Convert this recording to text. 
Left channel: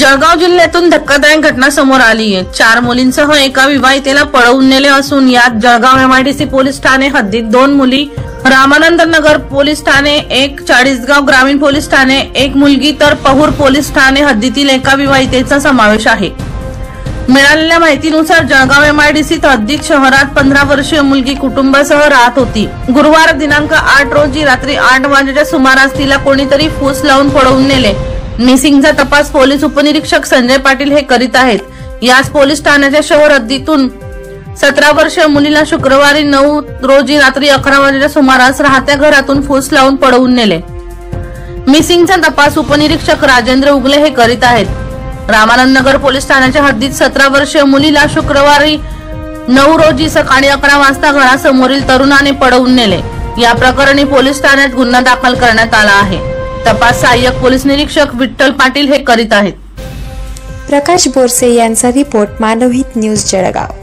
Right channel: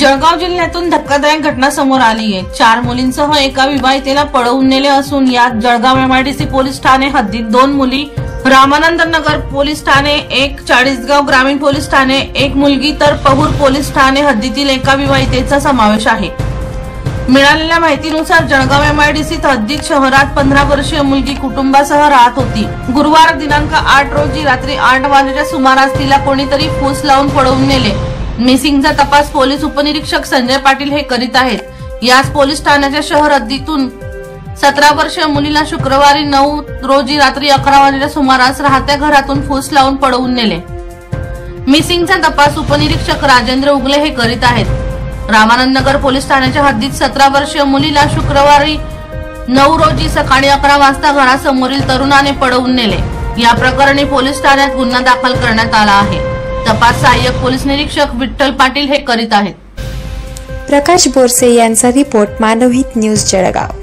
जळगाव जिल्ह्यातून धक्कादायक घटना समोर आली आहे। 4 मुलींसह एका विवाहितेला पळवून नेले असून यात जळगाव एमआयडीसी पोलीस ठाणे हद्दीत 2 मुली, रामानंद नगर पोलीस ठाणे, 1 चाळीसगाव ग्रामीण पोलीस ठाणे, 1 मुलगी तर पहूर पोलीस ठाणे हद्दीतील एका विवाहितेचा समावेश आहे। मिळालेल्या माहितीनुसार जळगाव एमआयडीसी हद्दीत शहरात 15 वर्षीय मुलगी कुटुंबासह राहत होती। गुरुवार दिनांक 8 रोजी रात्री 8 वाजेच्या सुमारास तिला कोणीतरी फूस लावून पळवून नेले। मिसिंगचा तपास पोलीस उपनिरीक्षक संजय पाटील हे करीत आहेत। याच पोलीस ठाण्याच्या शहर हद्दीतून 17 वर्षीय मुलीला शुक्रवारी 9 रोजी रात्री 11 वाजेच्या सुमारास राहत्या घरातून फूस लावून पळवून नेले। मिसिंगचा तपास उपनिरीक्षक राजेंद्र उगले हे करीत आहेत। रामानंद नगर पोलीस ठाण्याच्या हद्दीत 17 वर्षीय मुलीला शुक्रवारी 9 रोजी सकाळी 11 वाजता घरासमोरील तरुणाने पळवून नेले। या प्रकरणी पोलीस ठाण्यात गुन्हा दाखल करण्यात आला आहे। तपास सहाय्यक पोलीस निरीक्षक विठ्ठल पाटील हे करीत आहेत। प्रकाश बोरसे यांचा रिपोर्ट, मानवहित न्यूज जळगाव।